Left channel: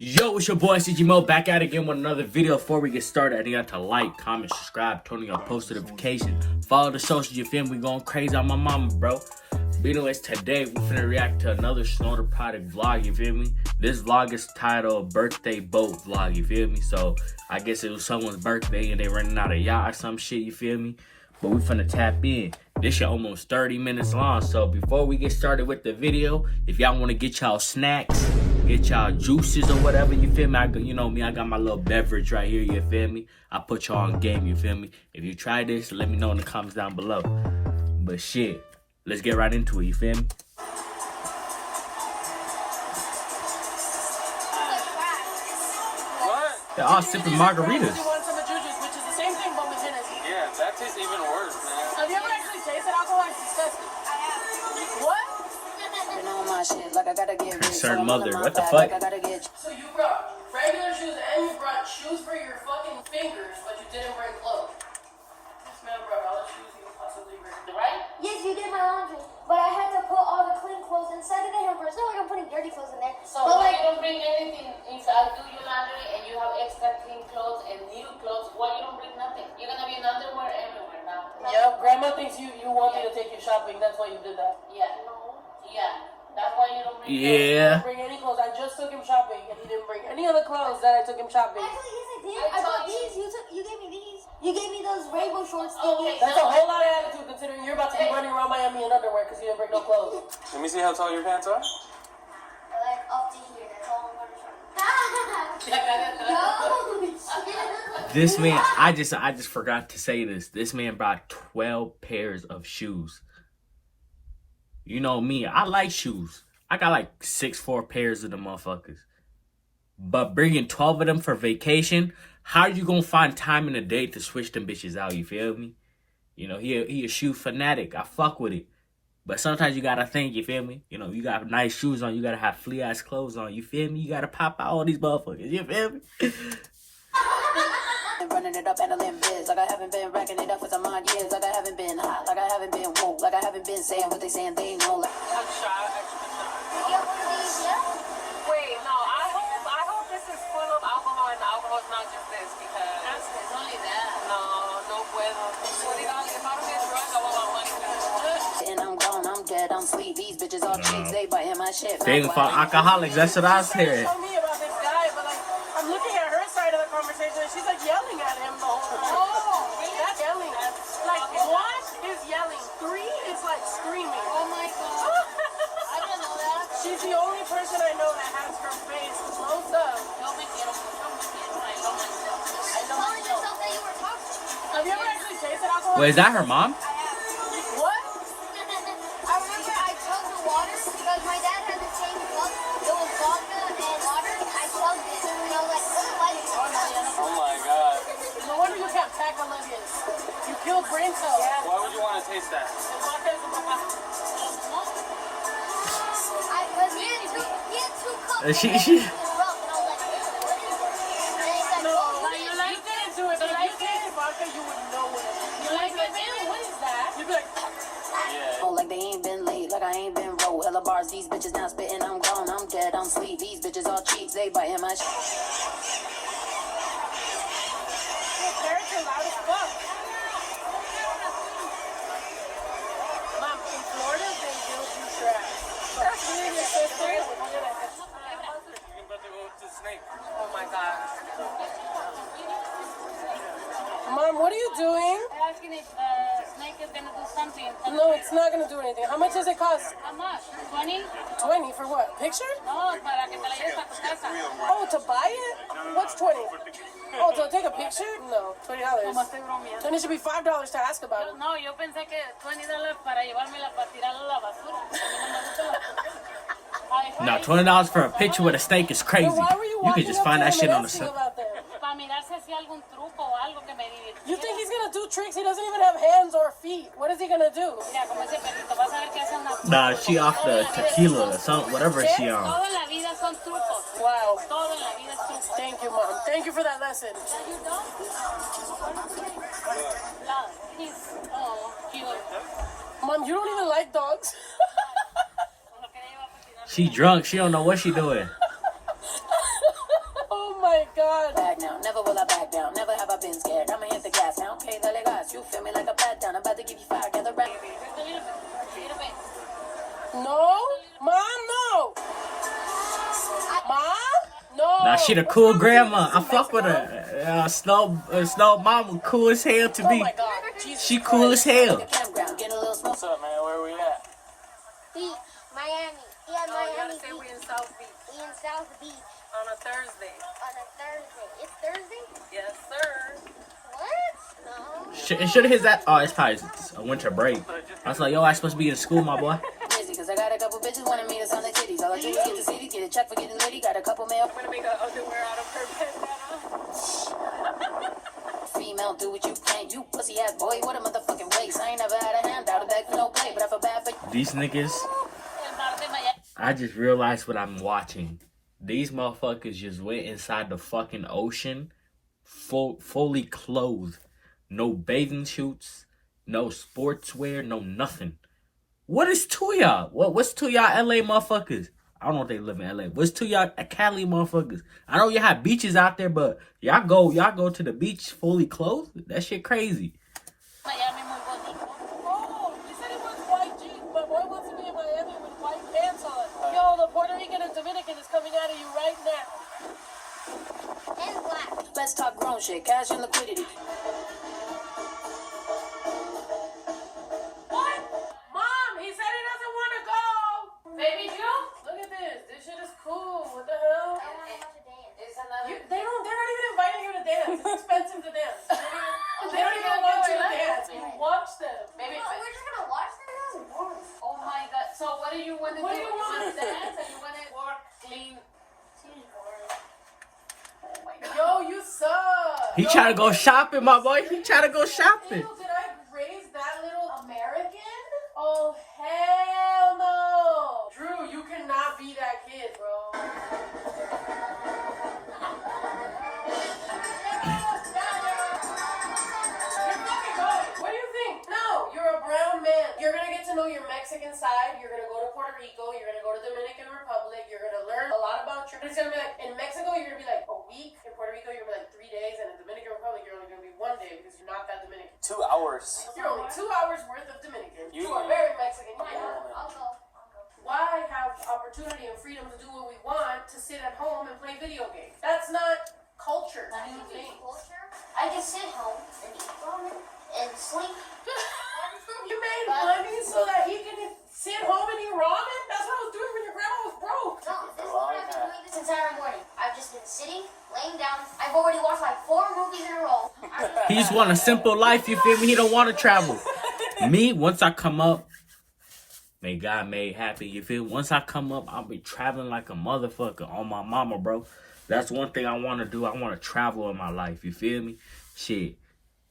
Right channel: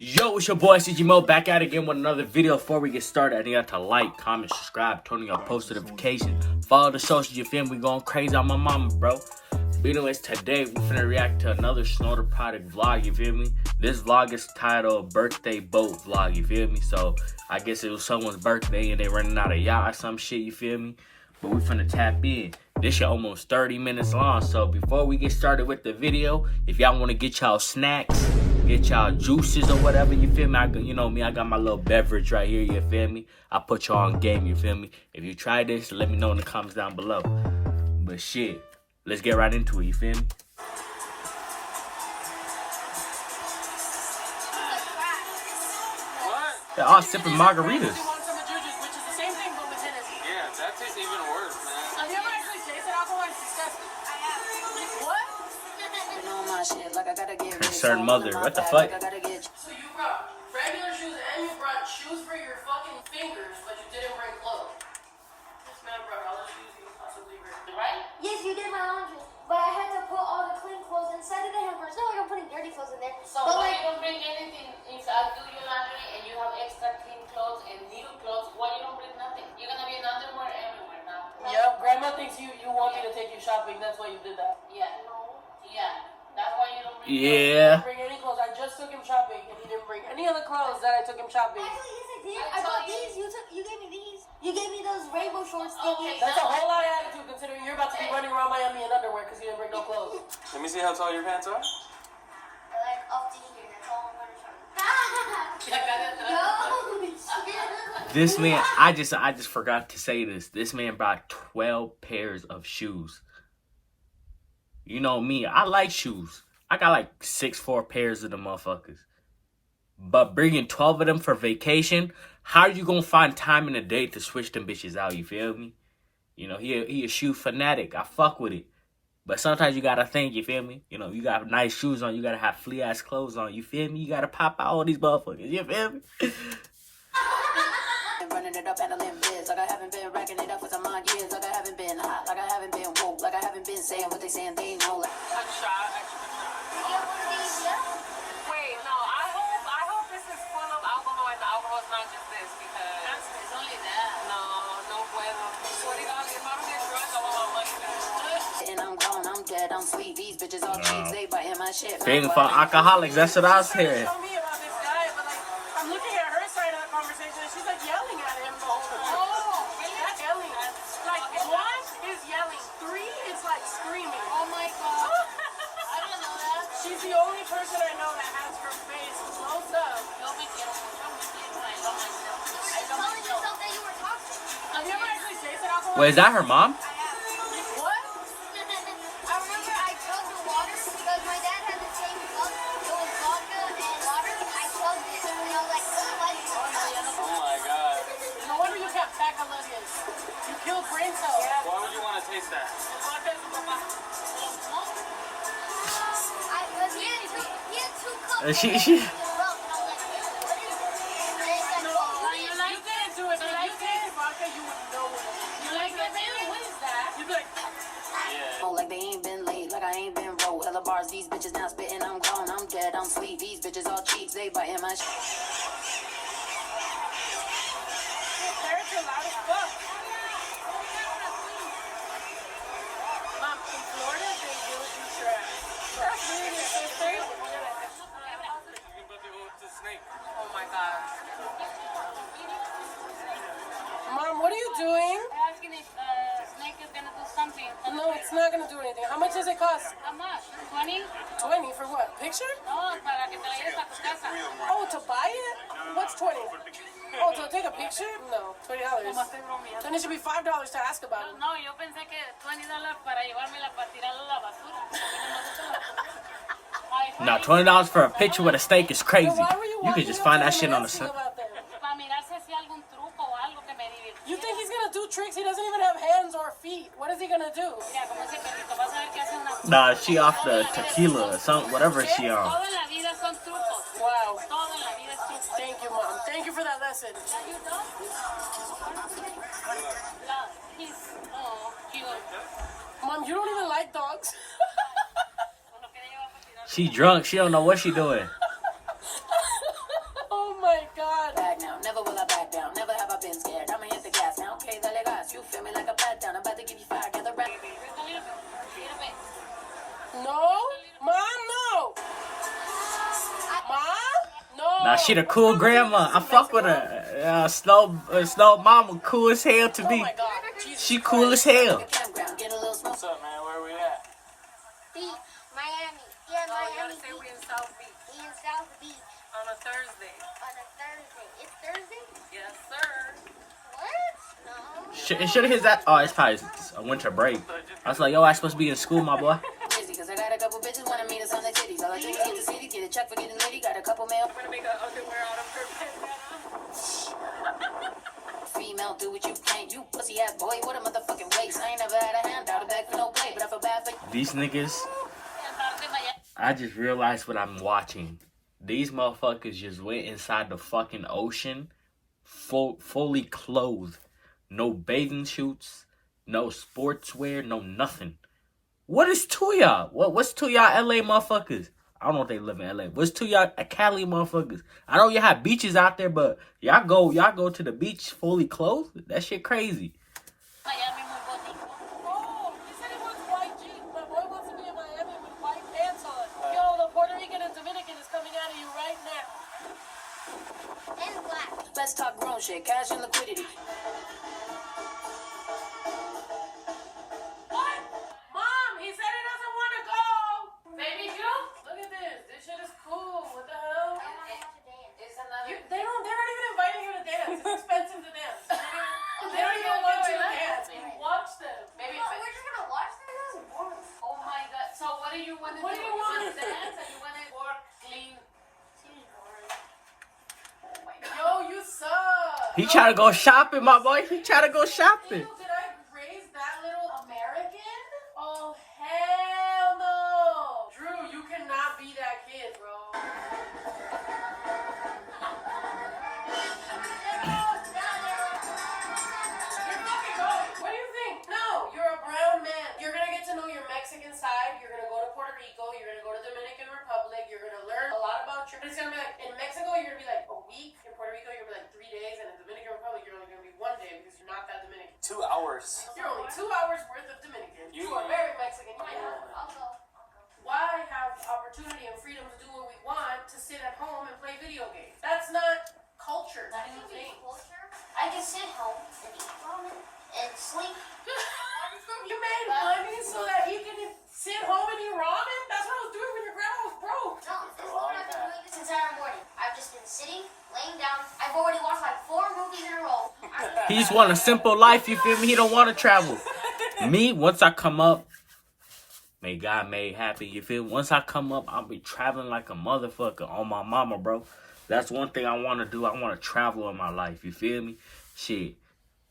Yo, it's your boy CGMO back at it again with another video. Before we get started, I need y'all to like, comment, subscribe, turn on your post notifications, follow the socials. You feel me? We going crazy on my mama, bro. But anyways, today we finna react to another Snorter product vlog. You feel me? This vlog is titled Birthday Boat Vlog. You feel me? So I guess it was someone's birthday and they running out of yacht or some shit. You feel me? But we finna tap in. This shit almost 30 minutes long. So before we get started with the video, if y'all wanna get y'all snacks, get y'all juices or whatever, you feel me? You know me, I got my little beverage right here, you feel me? I put y'all on game, you feel me? If you try this, let me know in the comments down below. But shit, let's get right into it, you feel me? What? They're all sipping margaritas. That tastes even worse, man. Have you ever actually tasted alcohol? It's disgusting. What? Concerned mother, what the fuck? So you brought regular shoes and you brought shoes for your fucking fingers, but you didn't bring gloves. This man brought all the shoes he could possibly bring, right? Yes, you did my laundry, but I had to put all the clean clothes inside of the hamper. It's not like I'm putting dirty clothes in there. So but why like, you don't bring anything inside, do your laundry, and you have extra clean clothes and new clothes, why you don't bring nothing? You're gonna be in underwear everywhere now. Yeah, grandma thinks you want me to take you shopping. That's why you did that. Yeah. Yeah. That's why you don't bring Yeah. Bring any clothes. I just took him shopping, and he didn't bring any other clothes that I took him shopping. actually, yes, I did. I bought these. You gave me these. You gave me those rainbow shorts. Okay. That's a whole lot of attitude, considering you're about to be running around Miami in underwear because you didn't bring no clothes. Let me see how tall your pants are. Like up to here. That's all I'm gonna show. No. This man, I just forgot to say this. This man brought 12 pairs of shoes. You know me, I like shoes. I got like 6'4" pairs of them motherfuckers. But bringing 12 of them for vacation, how are you gonna find time in the day to switch them bitches out? You feel me? You know, he a shoe fanatic. I fuck with it. But sometimes you gotta think, you feel me? You know, you got nice shoes on, you gotta have flea ass clothes on, you feel me? You gotta pop out all these motherfuckers, you feel me? Running it up and a limb biz. Like I haven't been racking it up for some odd years. Like I haven't been hot. Like I haven't been woke. Like I haven't been saying what they saying they know. Like Wait, no, I hope this is full of alcohol and the alcohol is not just this because it's only that. No puedo. and I'm grown, I'm dead, I'm sweet. These bitches all cheeks, they biting my shit. Thing for alcoholics, that's what I said. Tell me about this guy, but like I'm looking at her side of the conversation, and she's like yelling at him the whole time. Oh, That's yelling. Like one is yelling, three is like screaming. oh my god. I don't know that. She's the only person I know that has her face closed up. Yo me quiero, yo me quiero. I know myself. I know Telling myself. yourself that you were toxic. Have you ever actually tasted alcohol? Wait, is that her mom? What? I remember I chugged the water because my dad had the same cup. It was vodka and water. I chugged it and I was like, Oh my god. No wonder you kept Colombia. You killed brain cells. Why would you want to taste that? he had two cups. She- in a row, and I was like, No, you like that into it. If you tasted vodka, you would know what it is. You're like, ew, what is that? You'd be like, Oh, like they ain't been late, like I ain't been roll. Hella bars, these bitches now spitting. I'm grown, I'm dead, I'm sweet. These bitches all cheeks, they biting my shit. parents are loud as fuck. Mom, in Florida, they don't do trash. That's really your sister. You're about to go to the snake. Oh my god. Mom, what are you doing? Asking if Snake is gonna do something. No, it's not gonna do anything. How much does it cost? How much? 20? 20 for what? Picture? No, para que te la lleves a tu casa. Oh, to buy it? What's 20? Oh, to take a picture? No, $20. Como estoy bromeando. Then it should be $5 to ask about it. No, yo pensé que $20 para llevármela para tirarla a la basura. A mí no me gusta. Nah, $20 for a picture with a steak is crazy. Then why were you You can just find that shit on the side. side. Para mirar si hacía algún truco o algo que me divirtiera. You think he's gonna do tricks? He doesn't even have hands or feet. What is he gonna do? Mira, como ese perrito, vas a ver que es una... Nah, she off the tequila or something, whatever she on. Todo en la vida son trucos. Wow. Todo en la vida es truco. Thank you, Mom. Thank you for that lesson. Are you done? Love. He's... Oh, cute. Mom, you don't even like dogs. Lo quería llevar para tirar. She drunk, she don't know what she doing. back now. Never will I back down. Never have I been scared. I'ma hit the gas now. Okay, dale gas. You feel me like a pat down. I'm about to give you fire. Get the rap. No, Mom, no. Mom, no. Now she the cool grandma. I fuck with her. Snow mama cool as hell to Oh me. my God. Jesus She cool as hell. Campground. Get a little smoke. What's up, man? Where we at? Beach, Miami. Yeah, Miami Say we Beach. in South Beach We in South Beach on a Thursday. on a Thursday. It's Thursday? Yes, sir. What? No. It should have hit that. Oh, it's probably a winter break. I was like, yo, I supposed to be in school, my boy. Busy, cause I got a couple bitches wanna meet us on the titties. All I do is get the city, get a check for getting litty. Got a couple mail. I'm gonna make an underwear out of her bandana. Female, do what you can. You pussy ass boy, what a motherfucking waste. I ain't never had a handout, a bag for no play, but I feel bad for These niggas, I just realized what I'm watching. These motherfuckers just went inside the fucking ocean, fully clothed. No bathing suits, no sportswear, no nothing. What is to y'all? What's to y'all LA motherfuckers? I don't know if they live in LA. What's to y'all Cali motherfuckers? I know y'all have beaches out there, but y'all go to the beach fully clothed? That shit crazy. Oh, he said he wants white jeans. My boy wants to be in Miami with white pants on. Yo, the Puerto Rican and Dominican is coming out of you right now. And black. let's talk grown shit, cash and liquidity. What? Mom, he said he doesn't want to go. Baby June? Look at this. This shit is cool. What the hell? I want to watch a dance. They're not even inviting you to dance. It's expensive to dance. They don't even want you to dance. Watch them. Baby, We're just going to watch them now? Oh my god. So what do you want to do? What do you You want? want to dance and you want to work clean? yo, you suck. He try to go shopping, my boy. He try to go shopping. Ew, did I raise that little American? Oh, hell no. Drew, you cannot be that kid, bro. What do you think? No, you're a brown man. You're gonna get to know your Mexican side. You're gonna go to Puerto Rico. You're gonna go to Dominican Republic. You're gonna learn a lot about your. It's gonna be like in Mexico, you're gonna be like a week. In Puerto Rico, you're gonna be like 3 days, and in Dominican Republic, you're only gonna be 1 day because you're not that Dominican. 2 hours. You're only 2 hours worth of Dominican. You are very Mexican. I'll go. Why have opportunity and freedom to do what we want to sit at home and play video games? That's not culture. I can be culture. I can sit home and eat ramen and sleep. You made money so that he can sit home and eat ramen? That's what I was doing when your grandma was broke. No, this is what I've been doing this entire morning. I've just been sitting, laying down. I've already watched like 4 movies in a row. He just want a simple life, you feel me? He don't want to travel. Me, once I come up, may God made happy, you feel me? Once I come up, I'll be traveling like a motherfucker on my mama, bro. That's one thing I want to do. I want to travel in my life, you feel me? Shit.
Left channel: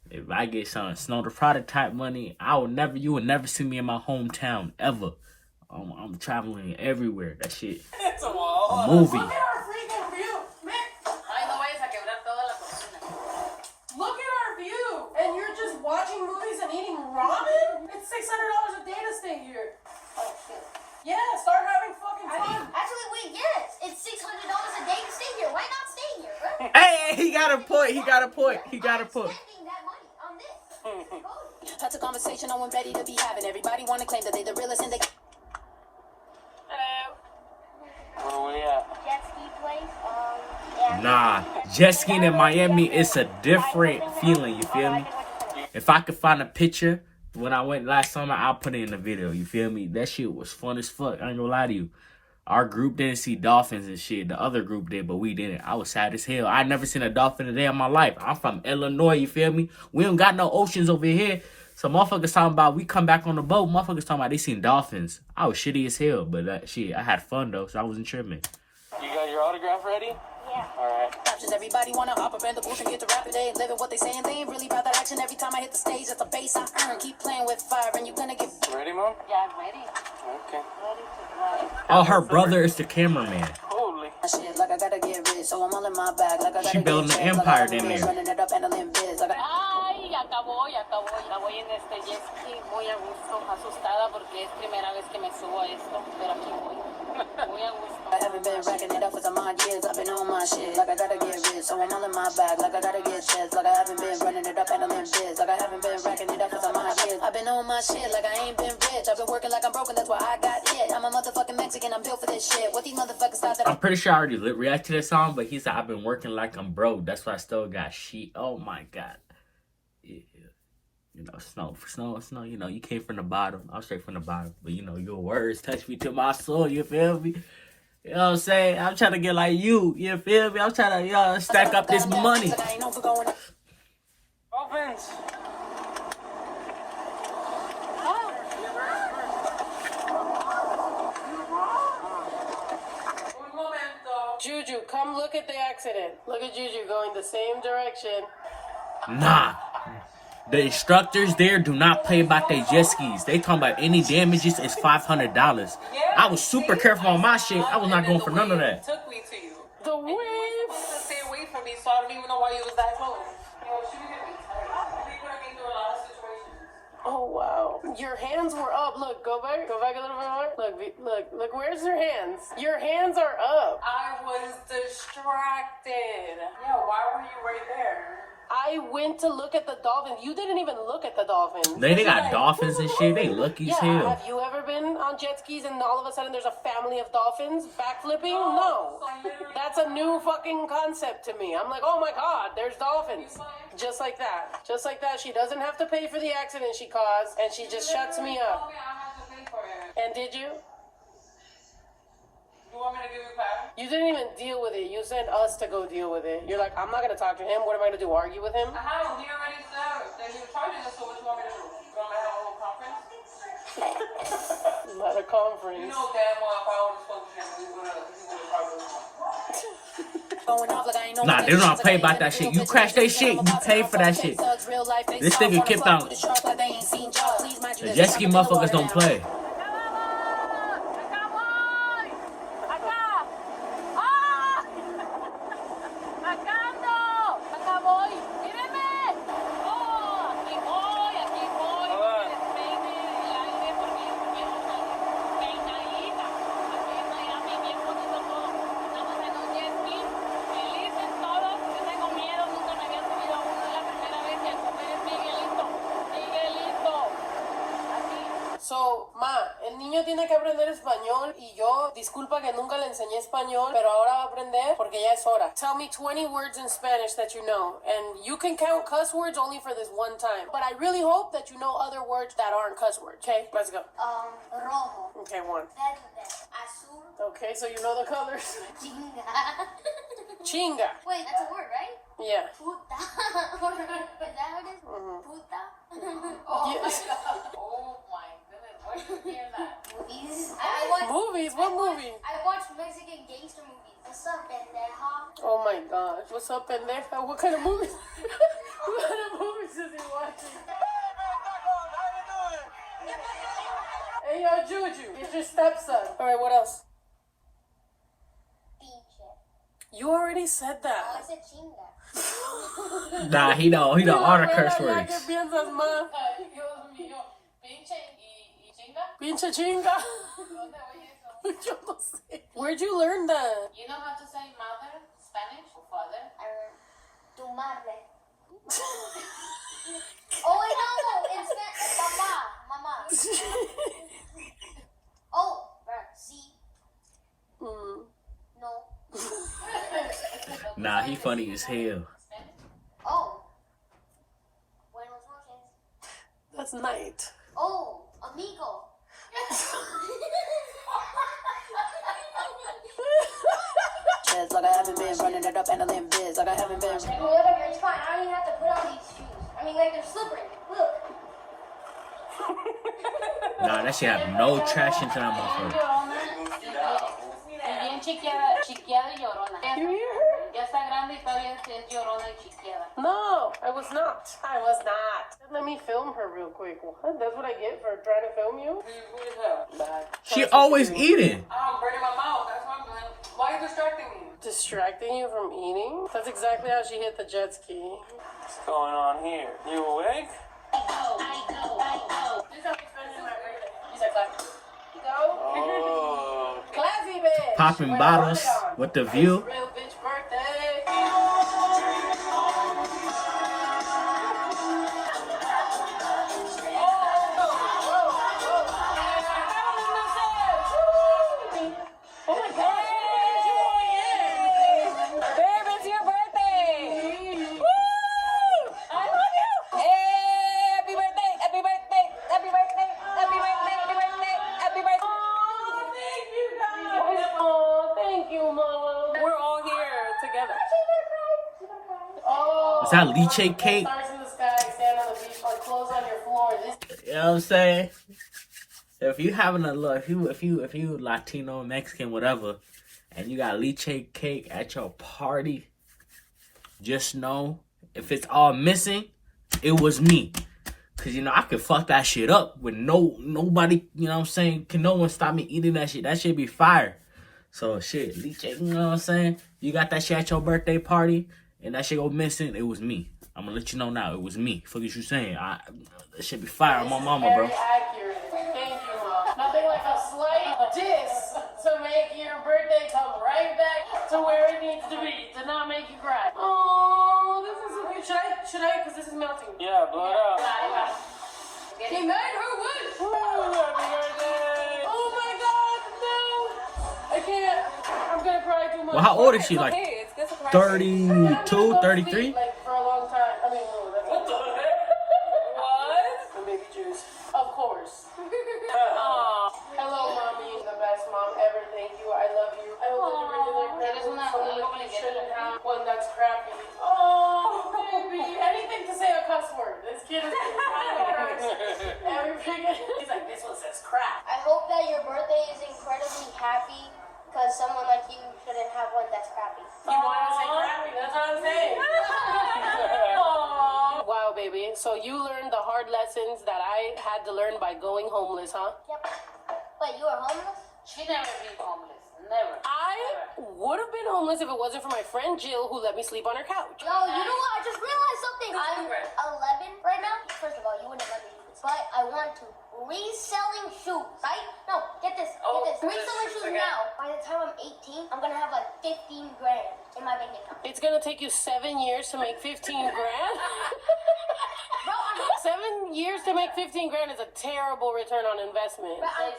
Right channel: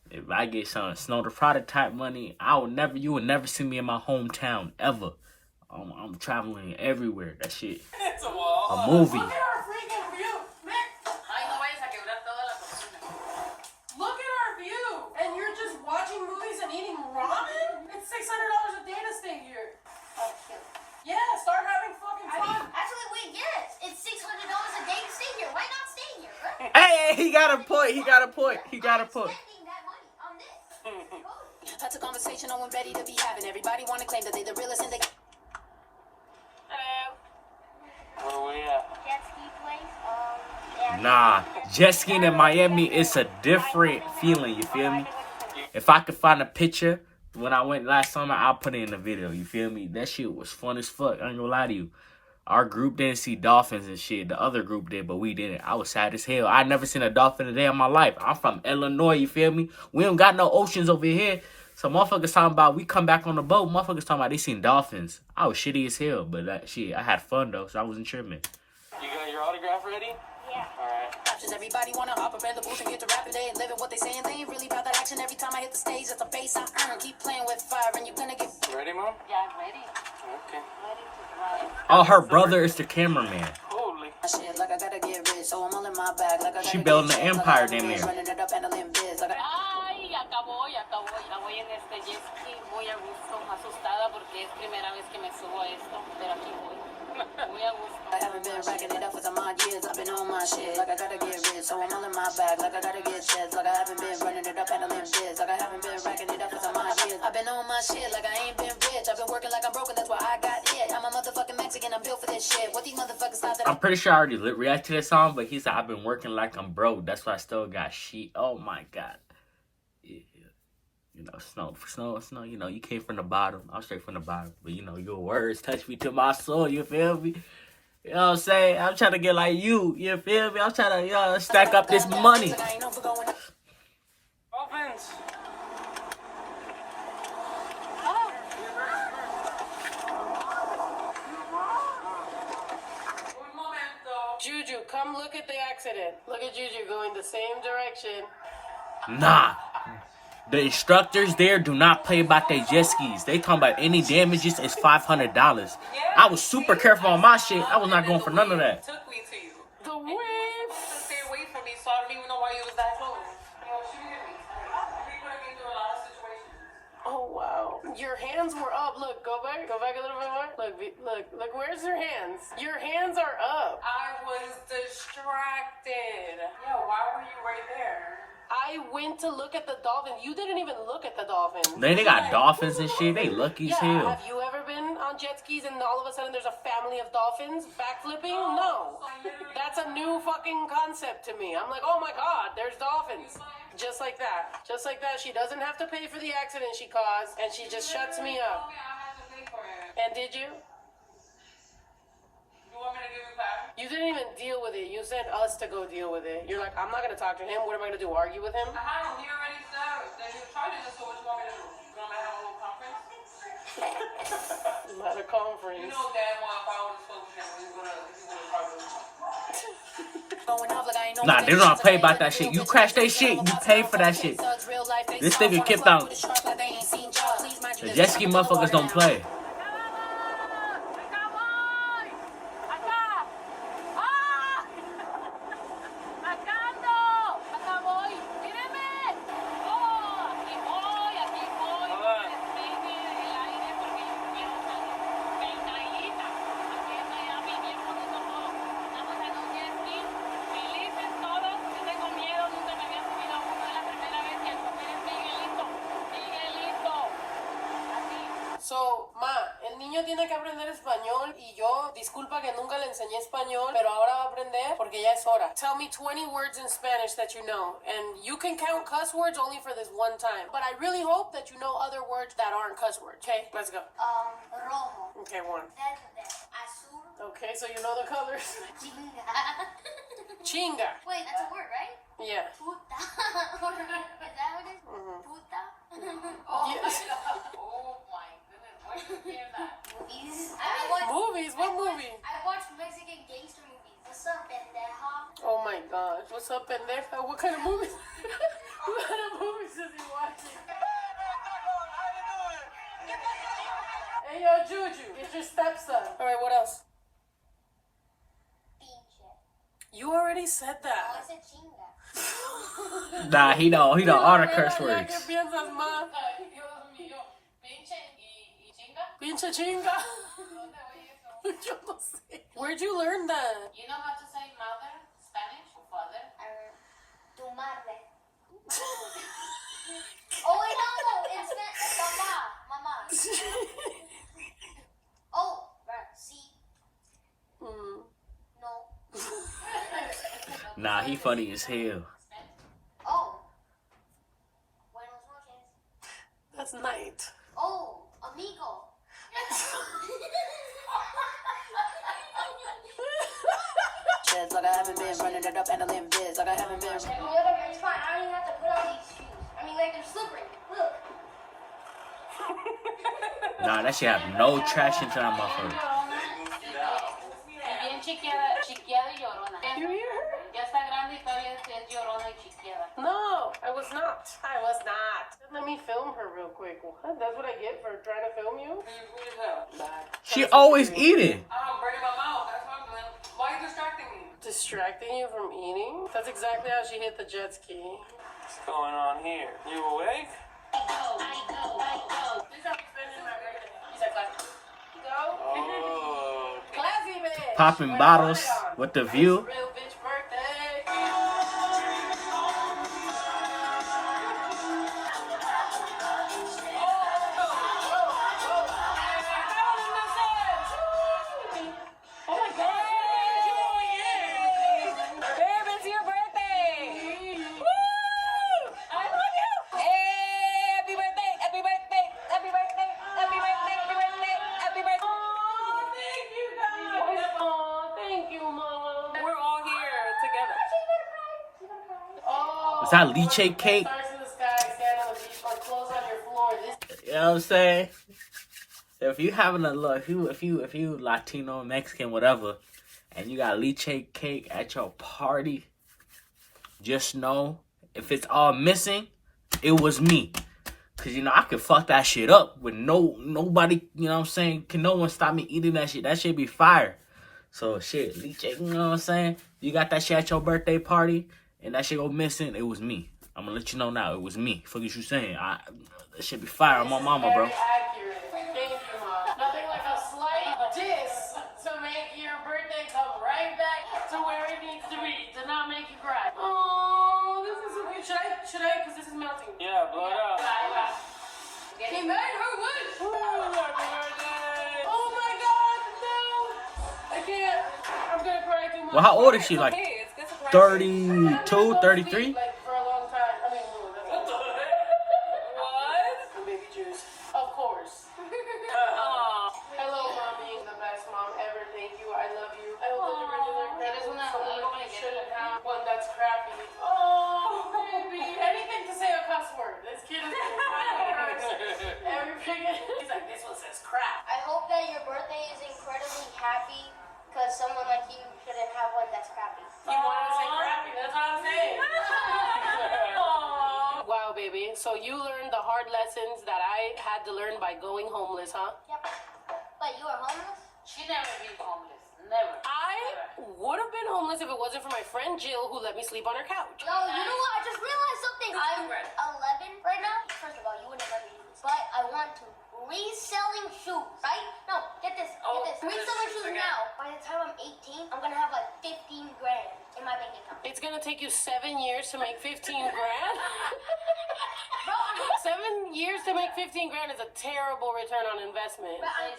If I get some Snow the Product type money, you will never see me in my hometown, ever. I'm traveling everywhere. That shit. It's a wall. A movie. Look at our freaking view. Man, Ay, no vayas a quebrar toda la cocina. look at our view. And you're just watching movies and eating ramen? It's $600 a day to stay here. Oh, shit. Yeah, start having fucking I mean, fun. actually, wait, yes. It's $600 a day to stay here. Why not stay here, right? Hey, he got a point. He got a point. He got a point. Spending that money on this. That's a conversation I'm ready to be having. Everybody wanna claim that they the realest and they Where we at? Jet ski place. Yeah. Nah, jet skiing in Miami, it's a different feeling, you feel me? If I could find a picture when I went last summer, I'll put it in the video, you feel me? That shit was fun as fuck, I ain't gonna lie to you. Our group didn't see dolphins and shit. The other group did, but we didn't. I was sad as hell. I never seen a dolphin a day in my life. I'm from Illinois, you feel me? We don't got no oceans over here. So motherfuckers talking about, we come back on the boat, motherfuckers talking about they seen dolphins. I was shitty as hell, but shit, I had fun though, so I wasn't tripping. You got your autograph ready? Yeah. Alright. options. Everybody wanna hop up in the booth and get to rap today. Living what they saying, they ain't really about that action. Every time I hit the stage, that's a bass I earn. Keep playing with fire and you're gonna get You ready, Mom? Yeah, I'm ready. Okay. Ready to ride. Oh, her brother is the cameraman. Holy. shit like I gotta get rich, so I'm all in my bag. Like I gotta She building get an rich, empire like I'm down there. running it up and I live biz. Like I Ay, ya acabó. Ya voy en este jet ski muy a gusto, asustada porque es primera vez que me subo a esto, pero aquí voy. I haven't been racking it up for some odd years. I've been on my shit, like I gotta get rich. So I'm all in my bag, like I gotta get checks. Like I haven't been running it up, handling biz. Like I haven't been racking it up for some odd years. I've been on my shit, like I ain't been rich. I've been working like I'm broken, that's why I got it. I'm a motherfucking Mexican, I'm built for this shit. What these motherfuckers thought that I'm pretty sure I already react to this song, but he said I've been working like I'm broke. That's why I still got shit. Oh my god. Yeah. You know, snow, you know, you came from the bottom. I'm straight from the bottom. But you know, your words touch me to my soul, you feel me? You know what I'm saying? I'm trying to get like you feel me? I'm trying to stack up this money. Opens. Juju, come look at the accident. Look at Juju going the same direction. Nah. The instructors there do not play about their jet skis. They talking about any damages is $500. I was super careful on my shit. I was not going for none of that. Took me to you. The wave. You were supposed to stay away from me, so I don't even know why you was that close. You know, she hit me. You could have been through a lot of situations. Oh wow. Your hands were up. Look, go back a little bit more. Look, where's your hands? Your hands are up. I was distracted. Yeah, why were you right there? I went to look at the dolphins. You didn't even look at the dolphins. They got dolphins and shit. They lucky as hell. Have you ever been on jet skis and all of a sudden there's a family of dolphins backflipping? No. That's a new fucking concept to me. I'm like, oh my god, there's dolphins. Just like that. Just like that. She doesn't have to pay for the accident she caused and she just shuts me up. And did you? You want me to give you a pass? You didn't even deal with it. You sent us to go deal with it. You're like, I'm not gonna talk to him. What am I gonna do? Argue with him? He already said that he was charging us, so what do you want me to do? You want me to have a little conference? Not a conference. You know damn well if I would have spoke to him, he would have charged us. Nah, they don't play about that shit. You crash that shit, you pay for that shit. This nigga kept out. The jet ski motherfuckers don't play. So, ma, el niño tiene que aprender español y yo, disculpa que nunca le enseñé español, pero ahora va a aprender porque ya es hora. Tell me 20 words in Spanish that you know, and you can count cuss words only for this one time. But I really hope that you know other words that aren't cuss words, okay? Let's go. Rojo. Okay, one. Verde. Azul. Okay, so you know the colors. Chinga. Chinga. Wait, that's a word, right? Yeah. Puta. Is that what it is? Puta. Yes. Oh my goodness, where did you hear that? Movies. Movies? What movie? I watch Mexican gangster movies. What's up, pendeja? Oh my gosh. What's up, pendeja? What kind of movies? What kind of movies is he watching? Hey, yo, Juju. He's your stepson. All right, what else? Pinche. You already said I that. said chinga. Nah, he know all the curse ¿Qué words. piensas, ma? Ay, Dios mío, pinche y chinga. Pinche chinga. Yo no sé. Where'd you learn that? You know how to say mother, Spanish, or father? Tu madre. Oh, wait, no. In Spanish. Mama. Oh, sí. No. Nah, he funny as hell. Oh. Buenos noches. That's night. Oh, amigo. Like I haven't been running it up, handling biz. Like I haven't been. Whatever, it's fine. I don't even have to put on these shoes. I mean, like, they're slippery. Look. Nah, that shit have no traction to that motherfucker. Bien chiqueada y llorona. You hear her? Ya está grande y todavía es llorona y chiqueada. No, I was not. I was not. Let me film her real quick. What? That's what I get for trying to film you? Who is that? She always eating. I'm burning my mouth. That's why I'm like, why are you distracting me? Distracting you from eating? That's exactly how she hit the jet ski. What's going on here? You awake? Go. Classy bitch. Popping Like, bottles hold it on. with the view. Real bitch birthday. Oh my God. Babe, it's your birthday. Woo! I love you. Hey, happy birthday. Happy birthday. Happy birthday. Happy birthday. Happy birthday. Happy birthday. Oh, thank you guys. Oh, thank you, Mom. We're all here together. Oh, Is that leche cake? stars in the sky, sand on the beach, or clothes on your floor. This You know what I'm saying? If you having a look, if you Latino, Mexican, whatever, and you got leche cake at your party, just know if it's all missing, it was me. Cause you know I could fuck that shit up with nobody. You know what I'm saying? Can no one stop me eating that shit? That shit be fire. So shit, leche, you know what I'm saying? You got that shit at your birthday party, and that shit go missing. It was me. I'm gonna let you know now. It was me. Fuck is you saying? That shit be fire on my mama, bro. very accurate. Thank you, Mom. Nothing like a slight diss to make your birthday come right back to where it needs to be, to not make you cry. Oh, this is so cute. Should I? Because this is melting. Yeah, blow it up. He made her wish. Happy birthday. Oh my God, no. I can't. I'm gonna cry too much. Well, how old is she? Like Hey, it's good to cry. 32, 33? Like for a long time. I mean, no, that's What the heck? What? the baby juice. Of course. Aw. Hello, mommy. The best mom ever. Thank you. I love you. I hope that you're doing incredible. Someone you shouldn't have one that's crappy. Oh, baby. Anything to say a cuss word. This kid is everything. He's like, this one says crap. I hope that your birthday is incredibly happy because someone like you shouldn't have one that's crappy. You want to say crappy? That's what I'm saying. Wow, baby. So you learned the hard lessons that I had to learn by going homeless, huh? Yep. But you were homeless? She never been homeless. Never. I would have been homeless if it wasn't for my friend Jill who let me sleep on her couch. Yo, you know what? I just realized something. I'm 11 right now. First of all, you wouldn't let me do this. But I want to. Reselling shoes, right? No, get this. Get this. Reselling shoes now. By the time I'm 18, I'm going to have like 15 grand in my bank account. It's gonna take you 7 years to make 15 grand. 7 years to make 15 grand is a terrible return on investment. But I'm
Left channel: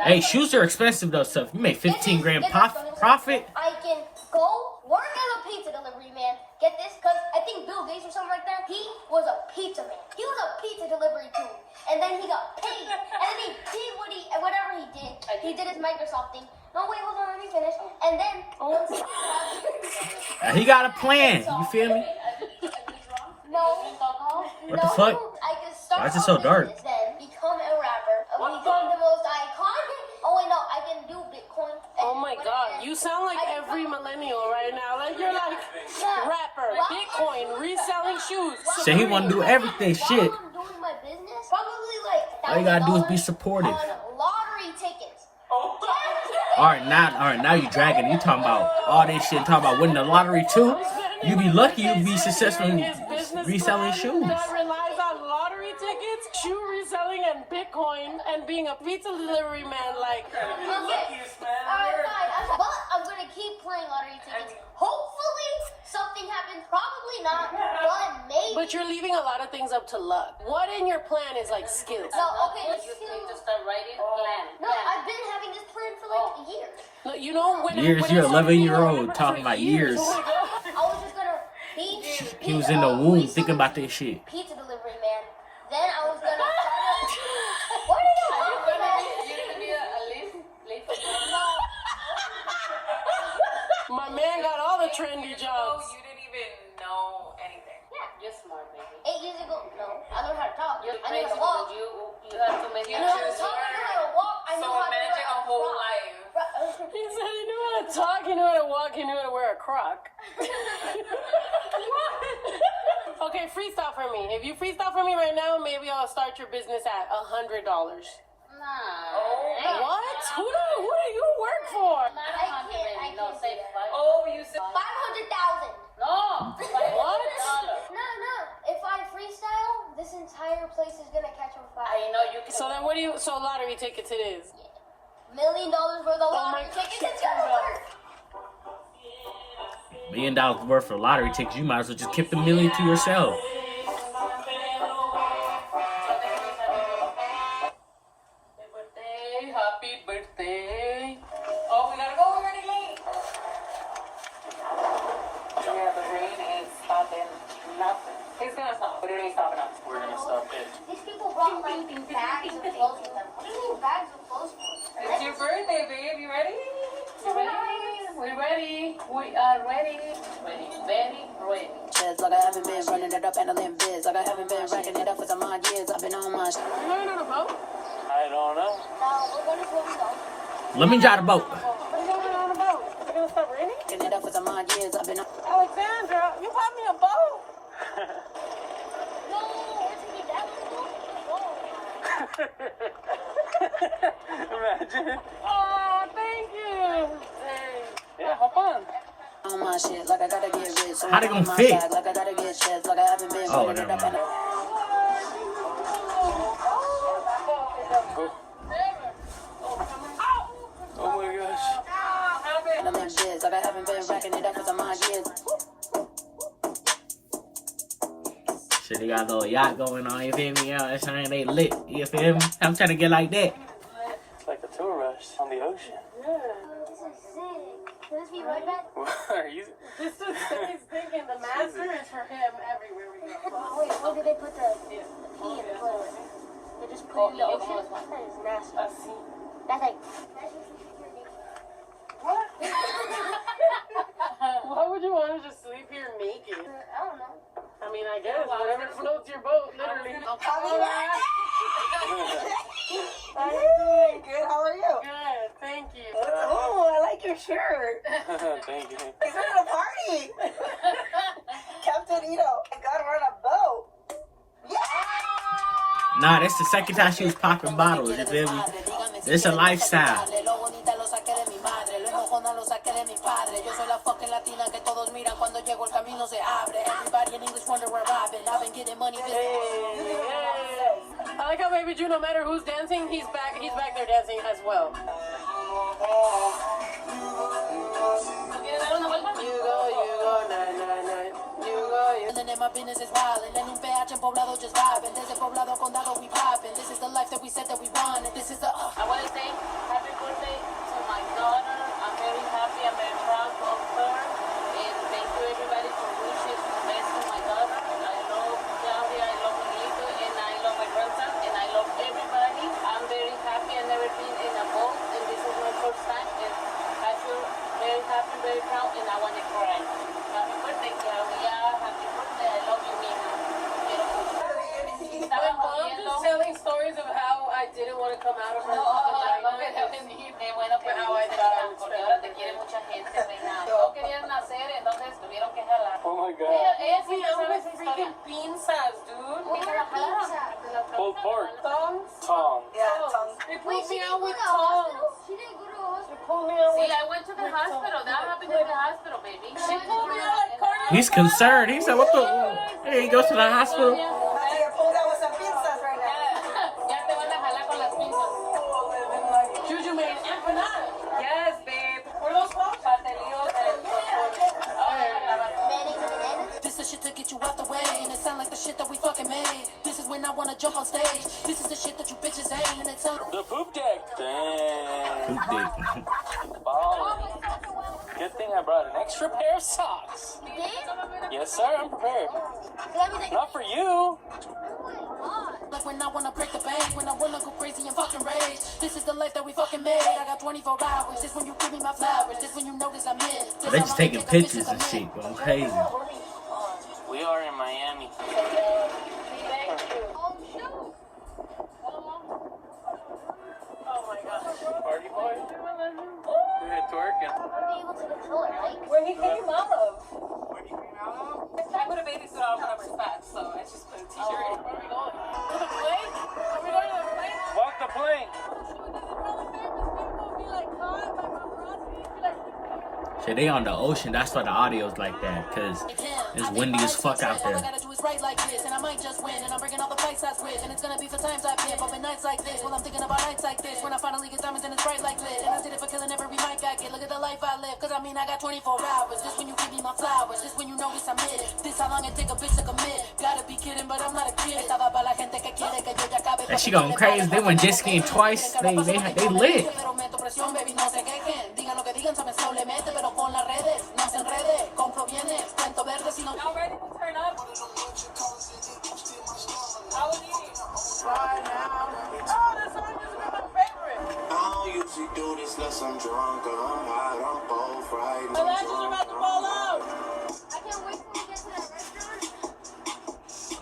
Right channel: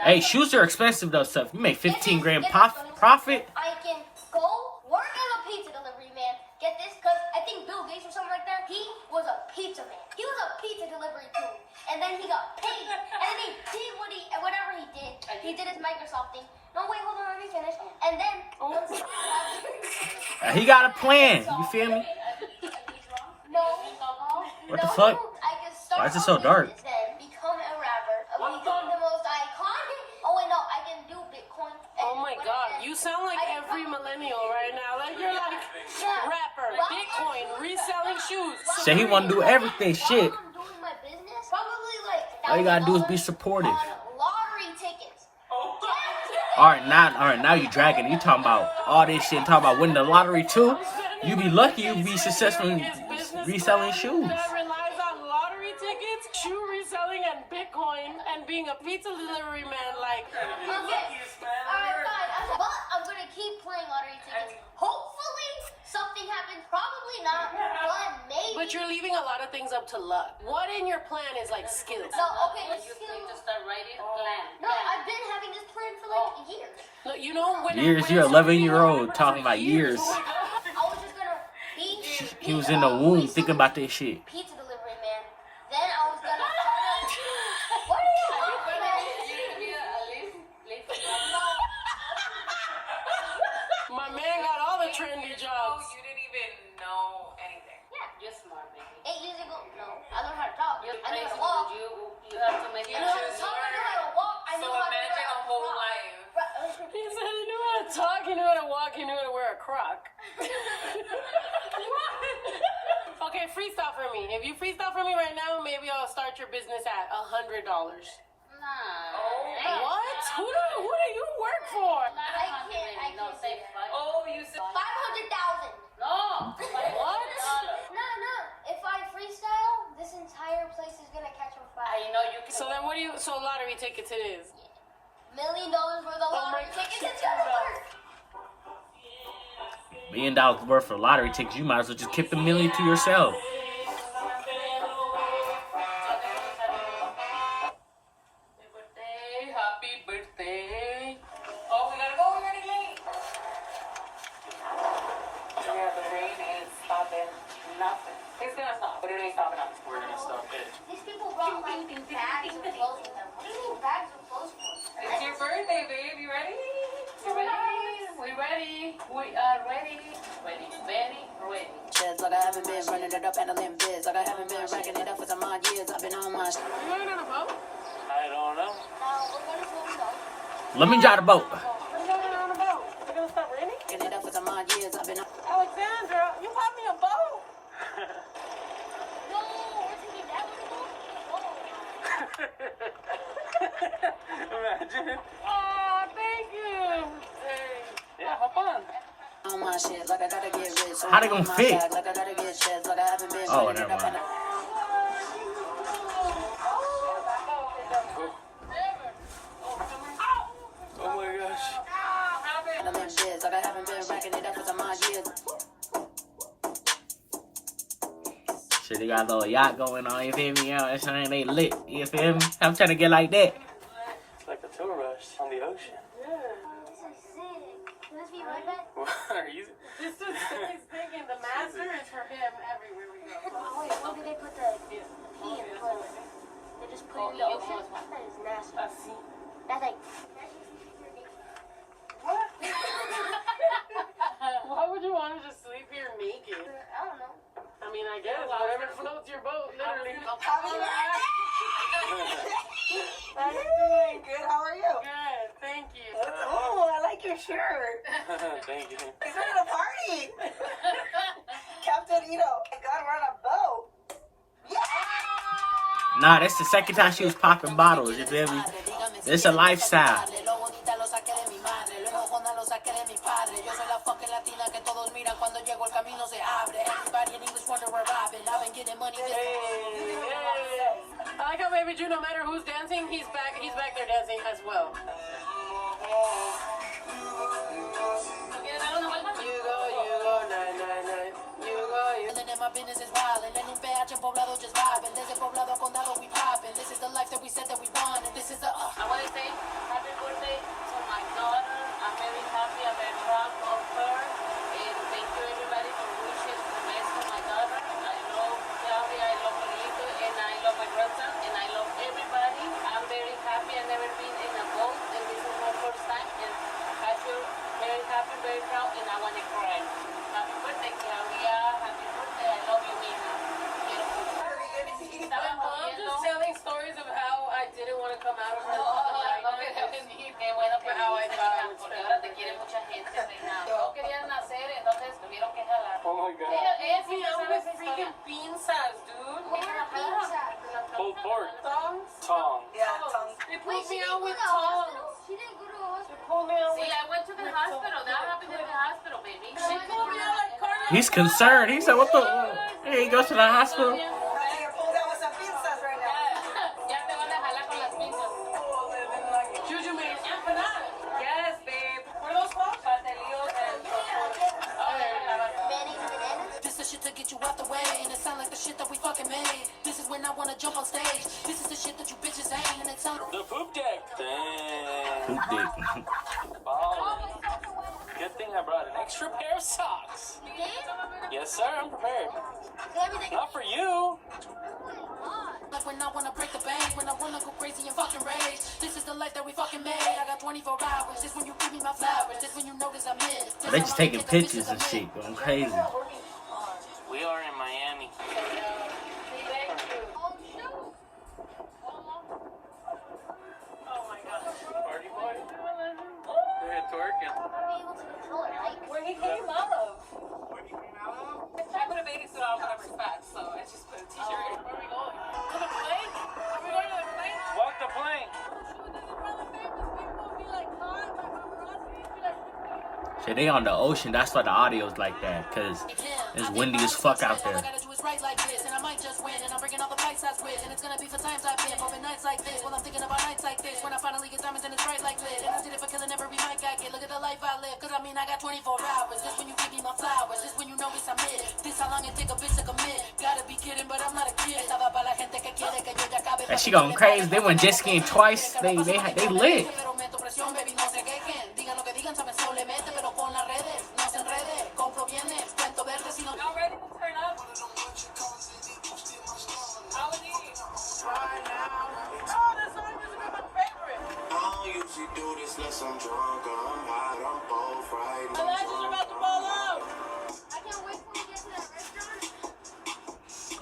70. Hey, shoes are expensive though. Stuff you make 15 grand profit. I can go work as a pizza delivery man. Get this? Because I think Bill Gates or something like that, he was a pizza man. He was a pizza delivery too. And then he got paid. And then he did whatever he did. He did his Microsoft thing. No, wait, hold on, let me finish. And then once He got a plan. You feel me? no. What the fuck? I can start Why is it so a dark? business, then become a rapper. Become the most iconic. Oh wait, no, I can do Bitcoin. Oh my god, you sound like every millennial right now. Like you're like rapper, Bitcoin, reselling shoes. So he want to do everything. Shit. I'm doing my business. Probably like All you gotta do is be $1,000 supportive. on lottery tickets. All right, now you dragging. You talking about all this shit. Talking about winning the lottery too. You be lucky. You be successful in reselling shoes. That relies on lottery tickets, shoe reselling, and Bitcoin, and being a pizza delivery man. Like, Okay. Alright, fine. But I'm gonna keep playing lottery tickets. Hopefully something happens. Probably not, but maybe. but you're leaving a lot of things up to luck. What in your plan is like skills? No, okay, let's You need to still. start writing plan. No, I've been having this plan for like years. No, you know when Years, when you're I started 11-year-old being a talking rapper about for years. Oh my God. I was just gonna be. He was in the womb thinking about this shit. Pizza delivery man. Then I was gonna start a. What are you laughing at? You're gonna be a leaf. My man got all the trendy Oh, jobs. you didn't even know anything. You're smart, baby. 8 years ago, no, I learned how to talk. You're I knew how crazy, to walk. but you have to make I knew how to sure talk. I knew how to walk. I So knew how to imagine a whole life. He said he knew how to talk, he knew how to walk, he knew how to wear a crock. Okay, freestyle for me. If you freestyle for me right now, maybe I'll start your business at $100. Nah. What? Who do you work for? I can't do say that. five. Oh, you said 500,000. No. What? No. If I freestyle, this entire place is gonna catch on fire. I know you can. So then what do you, so lottery tickets it is. $1 million worth of lottery tickets. It's yours. $1 million worth of lottery tickets. You might as well just keep the million to yourself. Happy birthday. Oh, we gotta go. We're running late. Yeah, the rain is stopping nothing. It's gonna stop. What are they stopping us? We're gonna stop it. These people brought like bags of clothes with them. What do you mean bags of clothes for? It's your birthday, babe. You ready? You ready? We're ready. We are ready. Ready. Very ready. Like I haven't been running it up and I'm in biz. Like I haven't been racking it up for some odd years. I've been on my shit. You ain't on a boat? I don't know. We're going to go. Let me drive the boat. What are you doing on a boat? It's gonna start raining? Racking it up for some odd years. I've been on. Alexandra, you bought me a boat. No, we're taking that Imagine. Oh, thank you. Hey. Yeah, have fun. On my shit, like I gotta get rich. So How they gonna I'm on my fit? bag, like I gotta get checks, like I haven't been Oh, running never it up mind. Cool. Oh my gosh. and I'm in biz, like I haven't been racking it up for some odd years. Shit, they got a little yacht going on, you feel me? Yeah, that's saying they lit, you feel me? I'm trying to get like that. It's like a tour rush on the ocean. This is sick. Can this be right back? What are you? This is he's thinking the master is for him everywhere we go. Oh, wait, where did they put the pee in the toilet? They just put it in the ocean? That is nasty. That's like... Why would you want to just sleep here naked? I don't know. I mean, I guess whatever floats your boat, literally. Hey, good. How are you? Good, thank you. Oh, I like your shirt. Thank you. It's at a party. Captain Ito, I got her on a boat. Nah, that's the second time she was popping bottles, you feel me? It's a lifestyle. I like how Baby Drew, no matter who's dancing, he's back there dancing as well. You go, nine. You go. And then my business is wild, and then un PH en poblado just vibing. Desde poblado condado we popping. This is the life that we said that we want, and this is the. I want to say happy birthday to my daughter. I'm very happy. I'm very proud of her. And thank you everybody for wishing the best to my daughter. I love Claudia, I love Miguel, and I love my grandson, and I love everybody. I'm very happy. I've never been in a boat, and this is my first time. And I feel very happy, very proud, and I want to cry. Happy birthday, Claudia. Happy birthday. I love you, Miguel. I'm just telling stories of how I didn't want to come out of her life. Qué bueno que How I thought I would porque ahora te quiere mucha gente, ¿verdad? No querían nacer, entonces tuvieron que jalar. Oh my god. Ella See, I'm with freaking pinzas, dude. Pulled pork. Tongs? Tongue. Yeah, tongue. They Wait, pulled she me didn't out go with to the tongs. hospital? She didn't go to the hospital? They pulled me out See, with I went to the hospital. That happened in the hospital, baby. She pulled me out like cardio. He's concerned. He said, what the? Hey, he goes to the hospital. I get pulled out with some pizzas right now. Ya te van a jalar con las pinzas. Juju made empanada. Yes, babe. What are those called? Pastelillos and This is shit to get you out the way, and it sound like the shit that we fucking made. This is when I wanna jump on stage. This is the shit that you bitches hate, and it sound. The poop deck. Damn. Poop dick. Bomb. Good thing I brought an extra pair of socks. Yes, sir. I'm prepared. Not for you. Like when I wanna break the bank, when I wanna go crazy and fucking rage. This is the life that we fucking made. I got 24 hours. This when you give me my flowers. This when you notice I'm in. But they just taking pictures and shit, going crazy. We are in Miami. Oh my gosh. Party boy. Look at twerking. Where he came out of. I put a bathing suit on when I was fat, so I just put a t-shirt. Where are we going? To the plane? Are we going to the plane? Walk the plane. Shit, Cause they on the ocean, that's why the audio's like that. Cause it's windy as fuck out there. And she going crazy. They went jet skiing twice. They lit.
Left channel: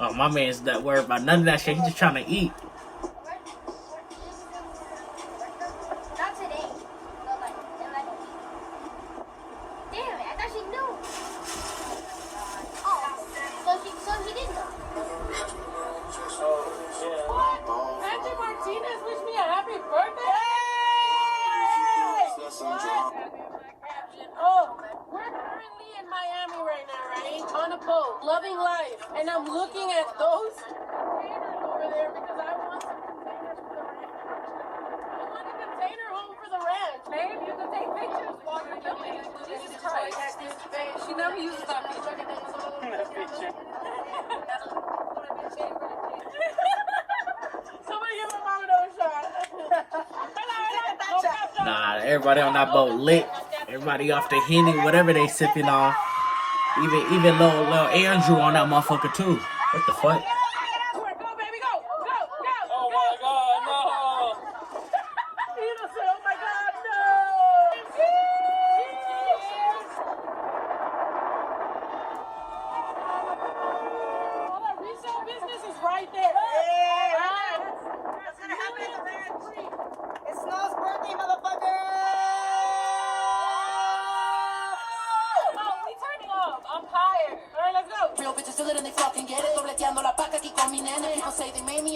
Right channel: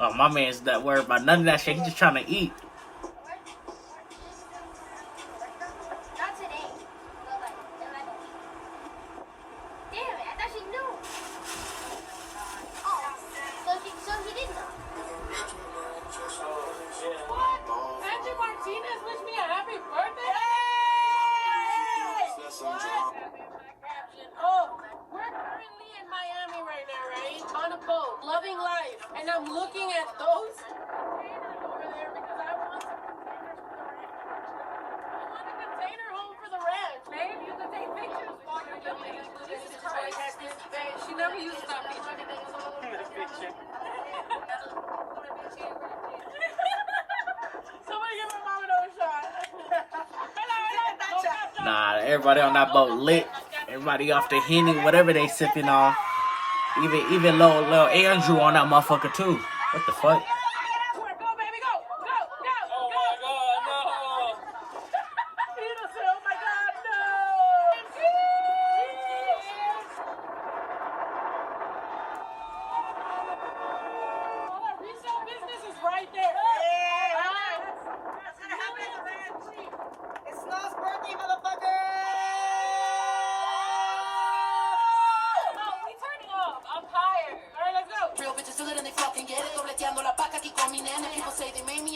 Oh, my man's not worried about none of that shit. He's just trying to eat. Loving life, and I'm looking at those containers over there because I want a container home for the ranch. Maybe you can take pictures while you're doing it. Jesus Christ. She never uses that feature. Somebody give my mom another shot. Nah, everybody on that boat lit. Everybody off the Henny, whatever they sipping on. Even little Andrew on that motherfucker too. What the fuck?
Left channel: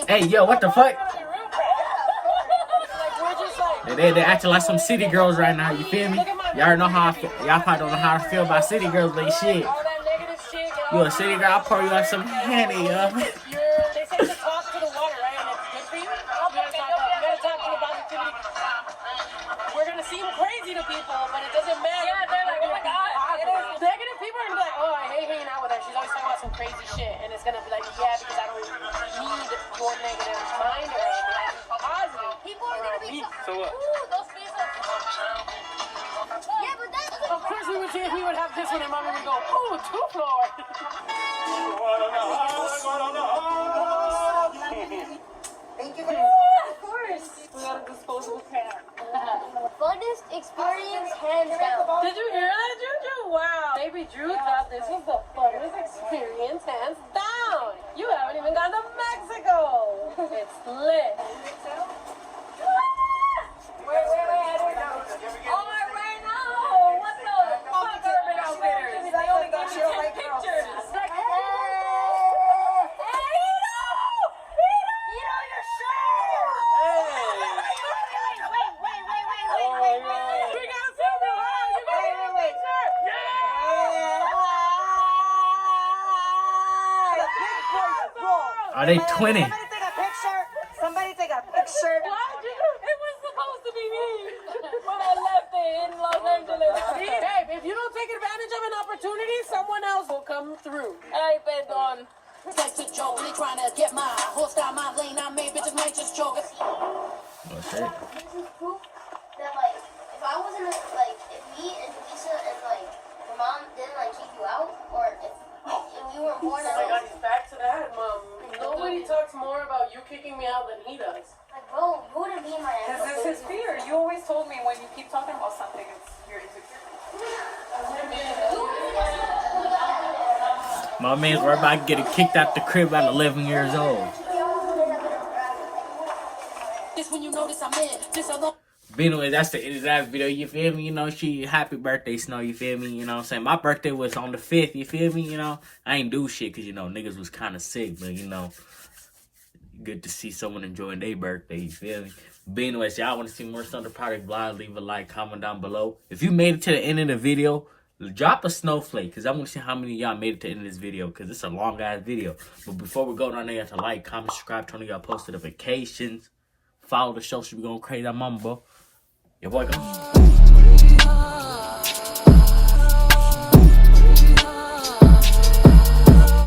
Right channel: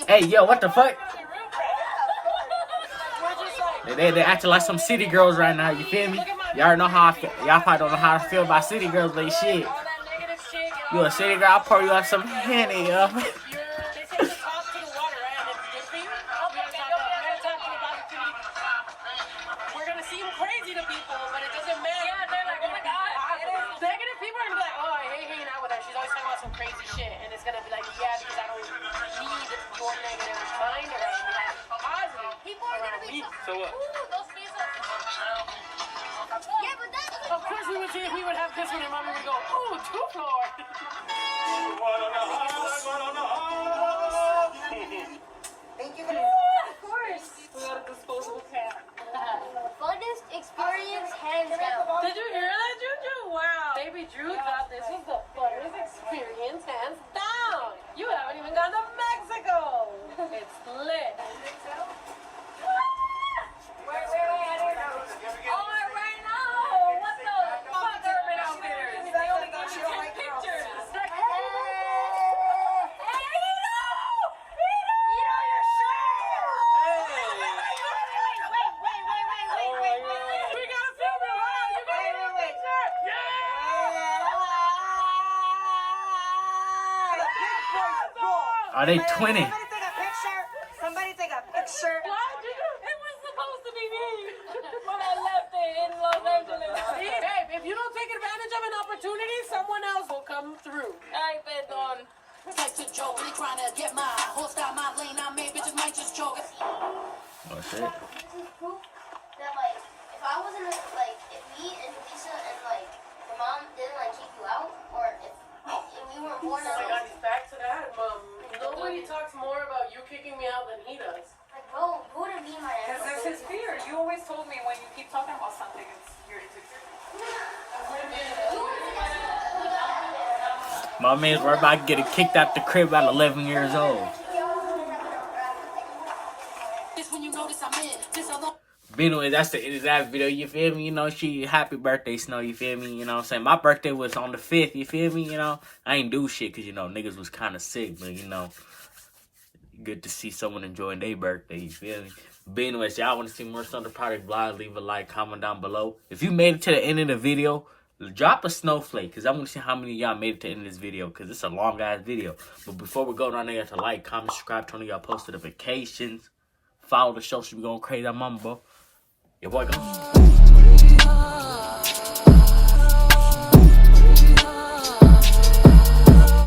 Hey, yo, what the fuck? They acting like some city girls right now, you feel me? Y'all know how y'all probably don't know how to feel about city girls, but shit. You a city girl, I'll pour you up some Henny, yo. We're gonna seem crazy to people, but it doesn't matter. Negative people are gonna be like, oh, I hate hanging out with her. She's always talking about some crazy shit, and it's gonna be like, yeah, because I don't need your negative mind or anything. Positive. People are gonna be those faces. Yeah, but that's of course we would see if we would have this one, and mom would go, ooh, 2-floor. Thank you. Of course. We got a disposable cat. Funnest experience, hands down. Did you hear that, Juju? Wow. Baby Drew thought this was the funnest experience, hands down. You haven't even gone to Mexico. It's lit. Wait, I don't know. Oh, right now. What the fuck? I only got you like pictures. Are they twinning? Somebody take a picture. It was supposed to be me when I left it in Los Angeles. Babe, if you don't take advantage of an opportunity, someone else will come through. Ay, perdón. Like to joke, me trying to get my host out my lane. I made bitches might just choke. Oh shit. This is proof that, like, if I wasn't, like, if me and Lisa and, like, your mom didn't, like, kick you out, or if we weren't born at all. Back to that, Mom. Nobody talks more about you kicking me out than he does. Like, bro, who would be my Because it's his fear. You always told me when you keep talking about something, it's your insecurity. My man's worried about getting kicked out the crib at 11 years old. But anyway, that's the end of that video, you feel me? You know, happy birthday, Snow, you feel me? You know what I'm saying? My birthday was on the 5th, you feel me? You know, I ain't do shit because, you know, niggas was kind of sick, but, you know, good to see someone enjoying their birthday, you feel me? But anyways, y'all want to see more Thunder Product vlog, leave a like, comment down below. If you made it to the end of the video, drop a snowflake, because I want to see how many of y'all made it to the end of this video, because it's a long-ass video. But before we go down there, you have to like, comment, subscribe, turn on y'all post notifications. Follow the show, should be going crazy. I'm Mama, bro. Your boy, go.